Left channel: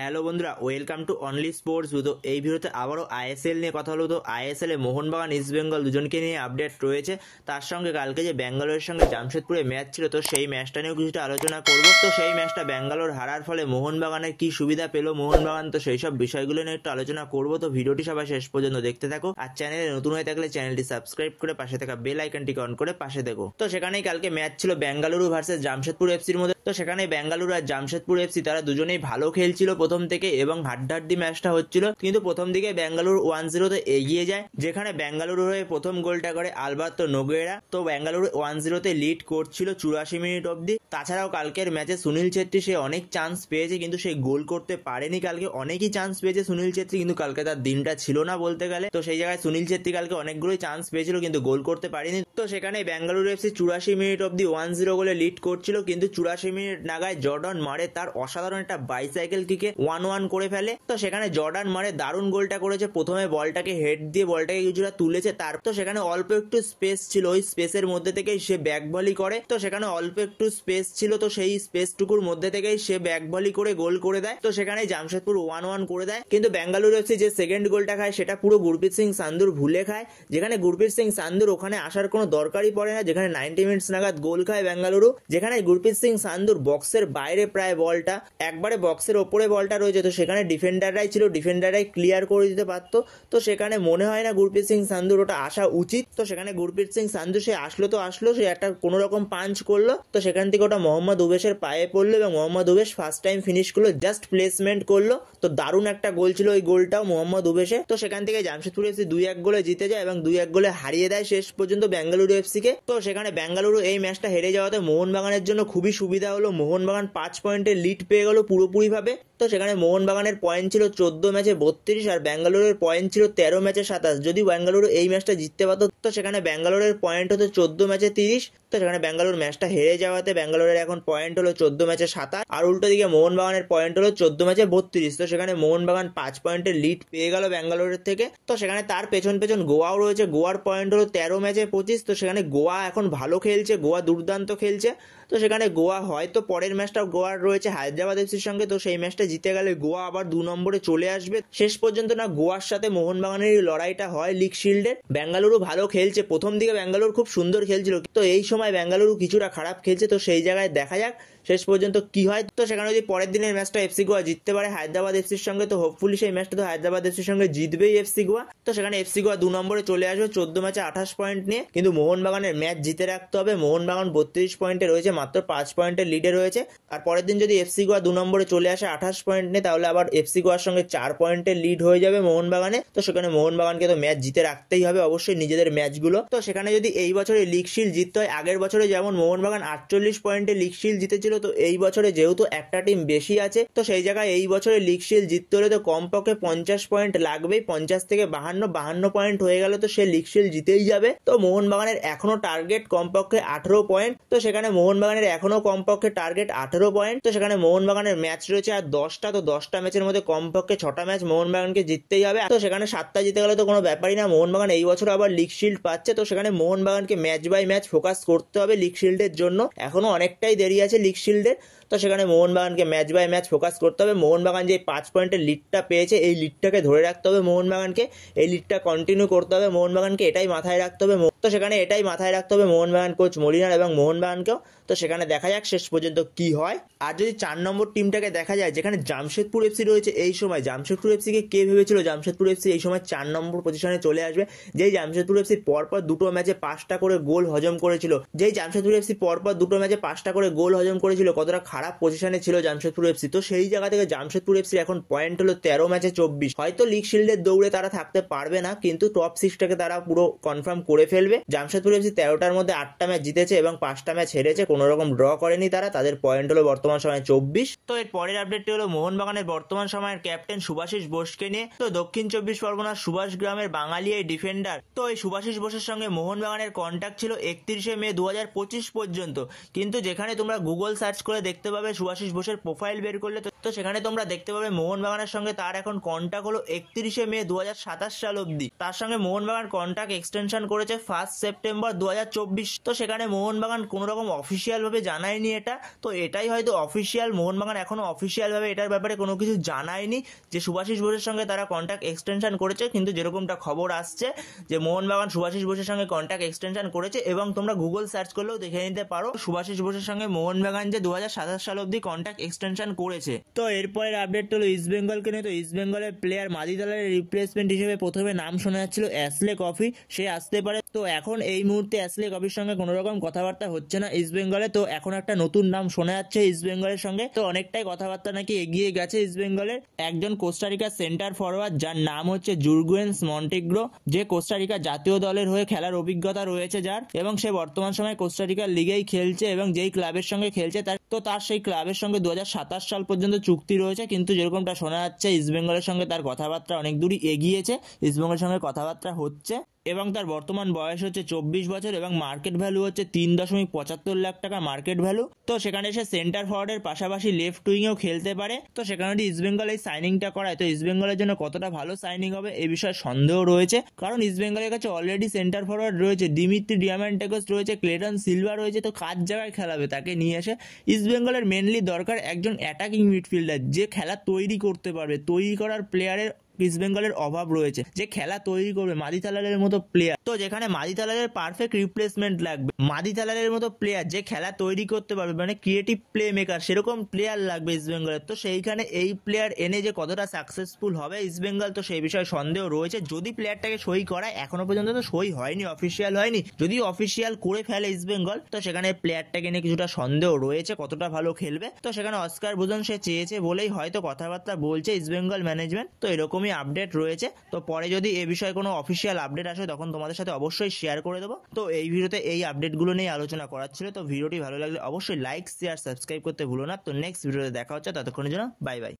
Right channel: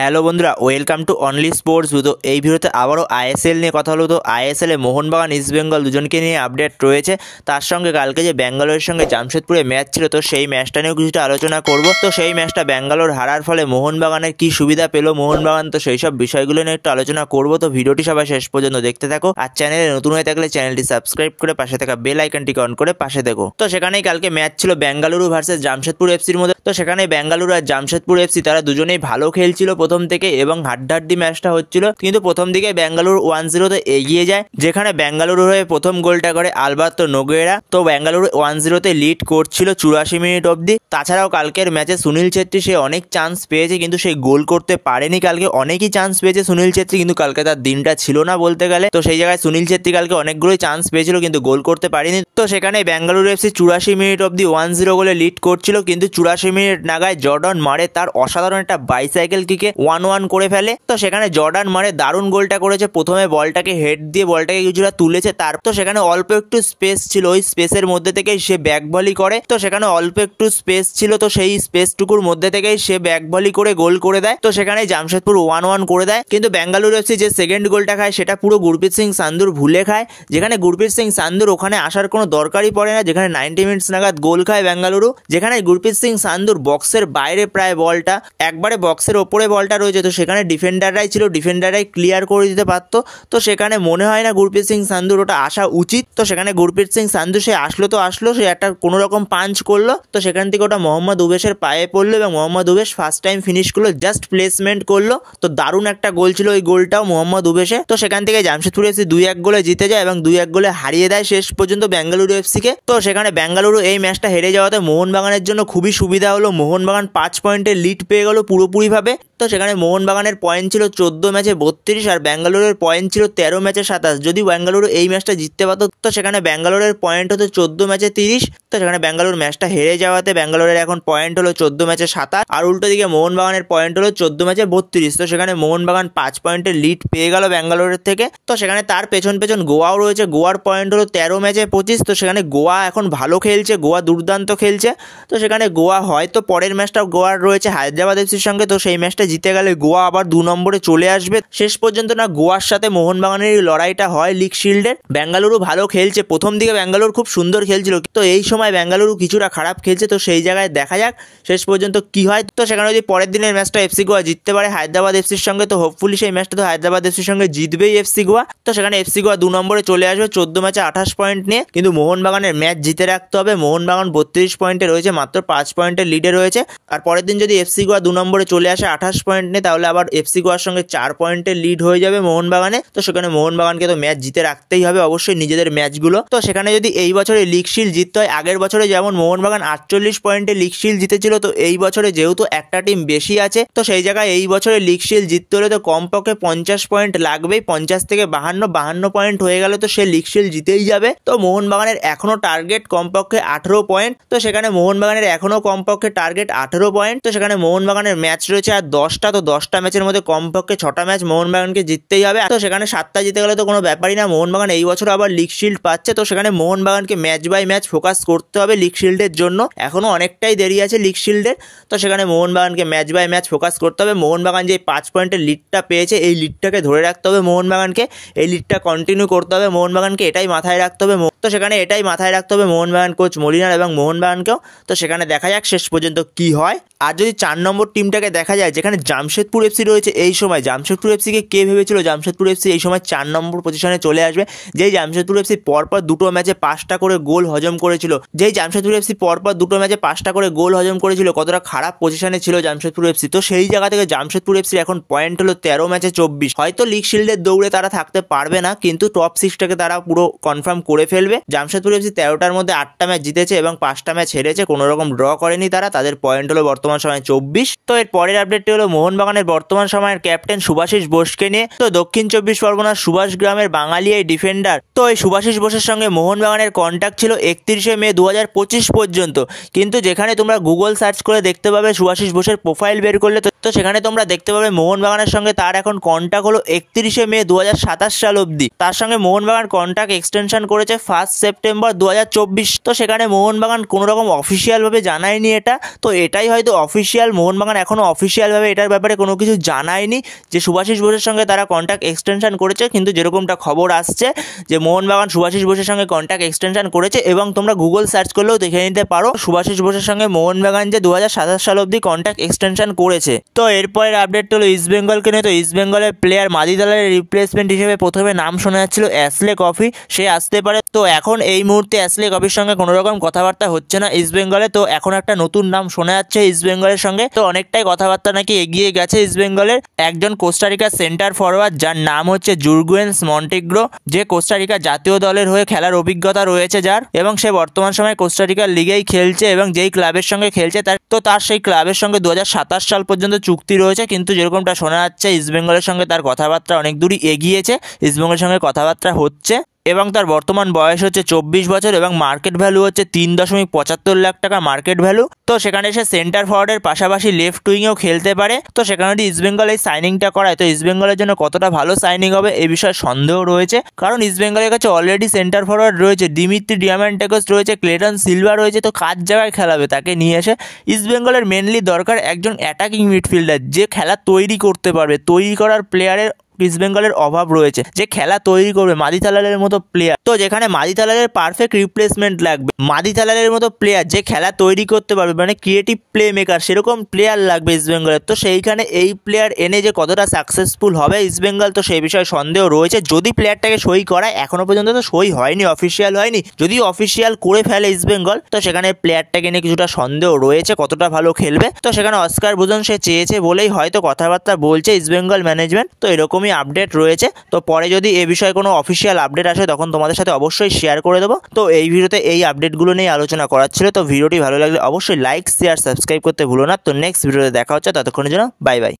Hello বন্ধুরা, welcome to only sports. তো এই ভিডিওতে আবারও আইএসএল নিয়ে কথা হলো। তো আইএসএলে মোহনবাগান ইস্ট বেঙ্গল দুজনকে নিয়ে আপডেট রয়েছে। তার সঙ্গে কালকে যে ব্যাঙ্গালোরের সঙ্গে জামশেদপুরে ম্যাচ ছিল, তো সেই ম্যাচটা নিয়েও কিছুটা আলোচনা করব। তো সেই ম্যাচটা ব্যাঙ্গালোর হারার ফলে মোহনবাগানের কি সুবিধা পেলো মোহনবাগান, তো সেই সব বিষয়গুলো নিয়ে একটু আলোচনা করব। তো ভিডিওটি সবাই শেষ পর্যন্ত দেখতে থাকো। আর চ্যানেলে নতুন হয়ে থাকলে চ্যানেলটি সাবস্ক্রাইব করে পাশে থাকা বেল আইকনটিকে অন করে পাশে দেখো। তো সেখানেই কালকে ম্যাচ ছিল বেঙ্গালুরু ভার্সেস জামশেদপুর এফসির মধ্যে। তো সেখানে বেঙ্গালুরু আর জামশেদপুর এফসি তারা দুজনেই ভালো খেলছিল প্রথম থেকে এবং হাড্ডাহাড্ডি ম্যাচটা হচ্ছিল। কিন্তু প্রথম দিকে বেঙ্গালুরু 1-0 এগিয়ে যায়, যেখানে বেঙ্গালুরু হয়ে প্রথম গোলটা করে আলবার্তো নোগুয়েরা। তো বেঙ্গালুরু 1-0 লিড করছিল 84 মিনিট অবধি। তাছাড়াও কালকের ম্যাচে সুনীল ছেত্রী সে অনেক চান্স পেয়েছে, কিন্তু সেই গোল করতে পারেনি। কালকে অনেকই চান্স পেয়েছে সুনীল ছেত্রী, কিন্তু কালকে তার দিনটা ছিল না বলতে গেলে। তো সেই জায়গায় সুনীল ছেত্রী কালকে অনেকগুলোই চান্স পেয়েছিল, কিন্তু গোল করতে পারেনি। তো সেখানে বেঙ্গালুরু এফসি 84 মিনিট অবধি 1-0 গোলে লিড করছিল, কিন্তু 84 মিনিট নাগায় জর্ডন মারে তার অসাধারণ একটা বাইসাইকেল কিকে 1-1 করে ফেলে। তো সেখানে জর্ডান মারে দারুণ গোলটা করেছে। প্রথমে বলটাকে হেড দিয়ে বলটাকে কিছুটা তুলেছে, তার তো সেখানে অল্প একটু স্পেস ছিল, ওই স্পেসের মধ্যে থেকেই সে ব্যাক ভলি করে। তো সেখানে অল্প একটু স্পেস ছিল, তো সেই স্পেসটুকুর মধ্যে থেকেই সে ব্যাক ভলি করে গোল করে দেয়। তো সেখানে জামশেদপুর 1-1 করে দেয়। কিন্তু বেঙ্গালুরু এফসি যে সেকেন্ড গোলটা খায় সেটা পুরো গুরপ্রীত সিং সান্ধুর ভুলে খায়, যেখানে গুরপ্রীত সিং সান্ধুর ওখানে আসার কোনো দরকারই পড়ে না। যেখানে 90 মিনিটস নাগাদ গোল খায় বেঙ্গালুরু, যেখানে গুরপ্রীত সিং সান্ধুর বক্সের বাইরে প্রায় বলটা, একবারে বক্সের ওপরে বলটা রয়েছে। তো সেখানে ডিফেন্ডাররাই ছিল, ডিফেন্ডাররাই ক্লিয়ার করে দিতে পারতো। তো সেখানে মনে হয় না গুরপ্রীত সিং সান্ধুর ওটা আসা উচিত। তো সেখানে গুরপ্রীত সিং সান্ধু সে আসলো, সে একটা কোনো রকম পাঞ্চ করলো। তো সেখান থেকে ওটা মোহাম্মদ উবেশের পায়ে পড়লো এবং মোহাম্মদ উবেশ ফার্স্ট টাইম ফিনিশ করলো, জাস্ট প্লেসমেন্ট করলো। তো দারুণ একটা গোল ছিল ওই গোলটাও মোহাম্মদ উবেশে। তো সেখান থেকে জামশেদপুর এফসি 2-1 গোলে জিতে যায় এবং 2-1 গোলে হারিয়ে দেয় শেষ পর্যন্ত বেঙ্গালুরু এফসিকে। তো সেখানে বেঙ্গালুরু এই ম্যাচটা হেরে যাওয়াতে মোহনবাগানের জন্য খুবই সুবিধা হলো। মোহনবাগান 5 পয়েন্টের লিড পেয়ে গেল পুরোপুরিভাবে। তো সেখানে মোহনবাগানের পয়েন্ট ছিল 14 ম্যাচে 32 আর বেঙ্গালুরুর পয়েন্ট ছিল 13 ম্যাচে 27। যদি বেঙ্গালুরু এই ম্যাচটা জিততে পারতো তো সেখানে বেঙ্গালুরুর পয়েন্ট হতো 14 ম্যাচে 30। তো সেখানে বেঙ্গালুরু ম্যাচটা হেরে যাওয়াতে বেঙ্গালুরুর এখন পয়েন্ট হলো 14 ম্যাচে 27, আর উল্টো দিকে মোহনবাগানের পয়েন্ট হলো 14 ম্যাচে 32। তো সেখানে মোহনবাগান 5 পয়েন্টের লিড পেয়ে গেল বেঙ্গালুরুর থেকে। তো সেখানে তার পেছন গোয়াও রয়েছে, গোয়ার পয়েন্ট হলো 13 ম্যাচে 25। তো সেখানে গোয়া এখন ভালো খেলছে, গোয়া দুর্দান্ত খেলছে। তো সেখানে গোয়া হয়তো পরের ম্যাচটা গোয়ার রয়েছে হায়দ্রাবাদ এফসির সঙ্গে, তো সেই ম্যাচটা জিতে গেলে গোয়া আবার 2 নম্বরে চলে আসবে। শেষ পর্যন্ত না গোয়ার সাথে মোহনবাগানের লড়াইটা হয় লিগ শিল্ডের। বেঙ্গালুরু ভালো খেলছে, প্রথম দিকে বেঙ্গালুরু খুব সুন্দর খেলছিল, তো এই সময় বেঙ্গালুরু কিছুটা খারাপ খেলছে। তো সেই জায়গায় দেখা যাক শেষ পর্যন্ত কি হয়। তো সেখানে যদি পরের দিনের ম্যাচটা এফসি গোয়া জিততে পারে হায়দ্রাবাদ এফসির সঙ্গে, তো হোপফুলি সেই ম্যাচটা তো হায়দ্রাবাদ এফসির সঙ্গে জিতবেই এফসি গোয়া। তো সেখানে এফসি গোয়া 2 নম্বরে চলে আসবে 14 ম্যাচে 28 পয়েন্ট নিয়ে। কিন্তু মোহনবাগানের ম্যাচ জিতে রাখতে হবে। মোহনবাগান 32 পয়েন্টে রয়েছে, মাত্র 5 পয়েন্টের লিডে রয়েছে। আর পরের দিন যদি এফসি গোয়া 2 নম্বরে চলে আসে 28 পয়েন্ট নিয়ে, তাহলে আবার এফসি গোয়ার সঙ্গে 4 পয়েন্টের লিড হয়ে যাবে মোহনবাগানে। তো সেখানে মোহনবাগানকে তো ম্যাচ জিতে রাখতেই হবে অবশ্যই নিজেদের ম্যাচগুলো। তো সেখানে যদি এই বছরে লিগ শিল্ড জিততে হয়, আগের বছরে যেমন মোহনবাগান 48 পয়েন্টে লিগ শিল্ড জিতেছিল, তো এই বছরে যেহেতু একটা টিম বেশি আছে, তো সেই জায়গায় এই বছরে লিগ শিল্ড জিততে হলে তো কমপক্ষে 50 পয়েন্ট লাগবেই। 50 থেকে 52 পয়েন্ট হয়ে গেলে তো সে লিগ শিল্ড জিতেই যাবে। তো মোহনবাগানের এখনো টার্গেট কমপক্ষে 18 পয়েন্ট। তো সেখানে মোহনবাগানের এখনো কমপক্ষে টার্গেট 18 পয়েন্ট। তো সেখানে মোহনবাগানের ম্যাচ রয়েছে আর 10টা। তো 10টা ম্যাচের মধ্যে কমপক্ষে 6টা ম্যাচ মোহনবাগানকে জিততেই হবে। তো সেখানে 7টা জিতে গেলে তো কোনো ব্যাপারই না, মোহনবাগান এই বছর আবার লিগ শিল্ড পাচ্ছে। তো সেখানে মোহনবাগানকে ম্যাচ বাই ম্যাচ ফোকাস করতে হবে লিগ শিল্ডের জন্য, এখনো অনেকটাই দেরি আছে লিগ শিল্ডের। তো সেখানে মোহনবাগানকে ম্যাচ বাই ম্যাচ ফোকাস করতে হবে। মোহনবাগান যে 5 পয়েন্টের লিডটা পেয়েছে, এই লিডটাকে ধরে রাখতে হবে মোহনবাগানকে, এই লিডটা কন্টিনিউ করতে হবে মোহনবাগানকে, এটাই মাথায় রাখতে হবে। তো সেখানে এটাই মাথায় রাখতে হবে মোহনবাগান কোচ মলিনার এবং মোহনবাগানকেও। তো সেখানে দেখা যাক শেষ পর্যন্ত কি হয়। আর যদি 4 নম্বর টিমটাকে দেখা যায়, যেখানে জামশেদপুর এফসি রয়েছে, এই সময় জামশেদপুর এফসিকে কে ভেবেছিল জামশেদপুর এফসি এই সময় 4 নম্বর পজিশনে চলে আসবে? যেই জামশেদপুর এফসি পরপর 2টো ম্যাচে 5টা করে গোল হজম করেছিল, যেই জামশেদপুর এফসি পরপর 2টো ম্যাচে 5টা করে গোল হজম করেছিল, কতটা খারাপ পজিশনে ছিল জামশেদপুর এফসি। তো সেই জায়গা থেকে জামশেদপুর এফসির এখন পয়েন্ট হলো 13 ম্যাচে 24। হয়তো লিগ শিল্ডের দৌড়ে তারা থাকতে পারবে না, কিন্তু টপ 6টাকে তারা পুরো কনফার্ম করে ফেলবে। জামশেদপুর এফসি 13টার মধ্যে 8টা ম্যাচ জিতেছে এবং 5টা ম্যাচ হেরেছে, কোনো রকম ড্র করেনি তারা। তাদের পয়েন্ট হলো বর্তমান সময় 24। তো এর পরের আপডেটটি হলো মোহনবাগানের বর্তমান সময়ের ক্যাপ্টেন সুভাশিস বোসকে নিয়ে। তো দক্ষিণ 24 পরগনার সুভাষ গ্রামের বাঙালি এই ডিফেন্ডার, তো এই সুভাশিস বোসের সঙ্গে মোহনবাগানের কন্ট্যাক্ট ছিল 31শে মে 2025 পর্যন্ত। কিন্তু যেখানে তোমরা গুগল সার্চ করে দেখতে পাবে সুভাশিস বোসের প্রোফাইল বের করলে, তো সেখানে তোমরা দেখতে পাবে মোহনবাগানের সঙ্গে তার এখন কন্ট্যাক্ট হলো 31শে মে 2027 সাল অবধি। তার সঙ্গে মোহনবাগান কন্ট্যাক্ট এক্সটেনশন করেছে 1 সেপ্টেম্বর 2024। তো সেখানে মোহনবাগান কোনো রকম অফিসিয়ালভাবে জানায়নি এটা, তো এটাই হয়তো অফিসিয়াল। মোহনবাগান এখনও অফিসিয়ালভাবে এটার প্লেয়ার ব্যাপারে কোনো কিছু জানায়নি যে শুভাশিস বোসের সঙ্গে তারা কন্ট্রাক্ট এক্সটেনশন করেছে, কিন্তু যেরকমটা খবর আসছে যে মোহনবাগান শুভাশিস বোসের সঙ্গে কন্ট্রাক্ট এক্সটেনশন করেছে এবং তোমরা গুগল সার্চ করলেও দেখে নিতে পারো শুভাশিস বোসের সঙ্গে মোহনবাগান যে 2027 সাল অবধি কন্ট্রাক্ট এক্সটেনশন করেছে। তো এরপরের আপডেট হলো ইস্টবেঙ্গলকে নিয়ে। তো ইস্টবেঙ্গলের প্লেয়ার মাদি দালালের রিপ্লেসমেন্ট হিসেবে প্রথমে নাম শোনা যাচ্ছিল অ্যাশলে কফি, সে আসতে পারে। তো এখন এই মুহূর্তে অ্যাশলে কফির সঙ্গে কোনো রকম কথাবার্তা হচ্ছে না ইস্টবেঙ্গলে। তো এখন একটা নতুন নাম শোনা যাচ্ছে ইস্টবেঙ্গলের সঙ্গে। তো অনেকটাই কথাবার্তা নাকি এগিয়ে গেছে ইস্টবেঙ্গলের একজন কোস্টারিকার সেন্টার ফরওয়ার্ড যার নাম হচ্ছে জুরগুয়েন্স মন্টেগ্রো, যে কোস্টারিকা জাতীয় দলের হয়ে খেলার অভিজ্ঞতা রয়েছে যার, এবং সে বর্তমান সময়ে কোস্টারিকার লিগেই খেলছে এবং যেই ক্লাবের সঙ্গে খেলছে তার সেই ক্লাবের সঙ্গে 2027 সাল পর্যন্ত চুক্তি রয়েছে। কিন্তু যেরকমটা শোনা যাচ্ছে ইস্টবেঙ্গলের সঙ্গে তার কথাবার্তা অনেক দূরই এগিয়েছে, ইস্টবেঙ্গলের সঙ্গে কথাবার্তা হচ্ছে এবং তার বর্তমান বয়স হচ্ছে 24 বছর এবং মার্কেট ভ্যালু হচ্ছে 3.75 লাখ টাকা মার্কেট ভ্যালু। তো সেখানে সে সেন্টার ফরওয়ার্ডের পাশাপাশি লেফট উইংয়েও খেলতে পারে। তো সেখানে যদি ইস্টবেঙ্গল এই সাইনিংটা করায় তো ইস্টবেঙ্গলের জন্য কতটা ভালো সাইনিং হবে এই বিষয়ে সন্দেহ রয়েছে, কারণ ইস্টবেঙ্গলের কাছে অলরেডি সেন্টার ফরওয়ার্ড রয়েছে, দিমিত্রি ডিয়ামান্টেকোস রয়েছে, ক্লেটন সিলভা রয়েছে। তো কার জায়গায় খেলাবে তাকে নিয়ে এসে? ইস্টবেঙ্গলের মেনলি দরকার একজন অ্যাটাকিং মিডফিল্ডার যে খেলা তৈরি করতে পারবে। তৈরি করার প্লেয়ারের ইস্টবেঙ্গলের অভাব রয়েছে, যে খেলা তৈরি করবে মাদি তালালের মতো প্লেয়ার। তো যেখানে মাদি তালালের পারফেক্ট রিপ্লেসমেন্ট লাগবে, মাদি তালালের মতো প্লেয়ার যে খেলা তৈরি করতে পারবে, মানে ক্রিয়েটিভ প্লে মেকার, সেরকম প্লেয়ার লাগবে ইস্টবেঙ্গলের। তো সেইখানে এই প্লেয়ার এনে যে কতটা সাকসেসফুল হবে ইস্টবেঙ্গল, তো সেই বিষয়ে সন্দেহ রয়েছে। যদি প্লেয়ারটাকে সই করায়, এখনো পর্যন্ত তো সই হয়নি, অফিসিয়াল হয়নি, যদি অফিসিয়াল করে ফেলে ইস্টবেঙ্গল তো সেখানে প্লেয়ারটাকে নিয়ে কিছুটা সন্দেহ রয়েছে কতটা ভালো খেলবে। তো সেখানে অস্কার বুজন সে চেয়েছে বলেই হয়তো কথাবার্তা বলছে ইস্টবেঙ্গল ম্যানেজমেন্ট। তো এরকমই আপডেট রয়েছে। তো পরে যদি এ বিষয়ে কোনো অফিসিয়াল আপডেট আসে তখন তোমাদের সাথে অবশ্যই শেয়ার করে দেবো। তো এই ভিডিওতে এই আপডেটগুলো নিয়ে আলোচনা করার ছিল। তো ভিডিওটি ভালো লাগলে অবশ্যই লাইক, শেয়ার, সাবস্ক্রাইব করতে ভুলো না। তো নেক্সট ভিডিওতে দেখা হচ্ছে, ততক্ষণের জন্য বাই বাই।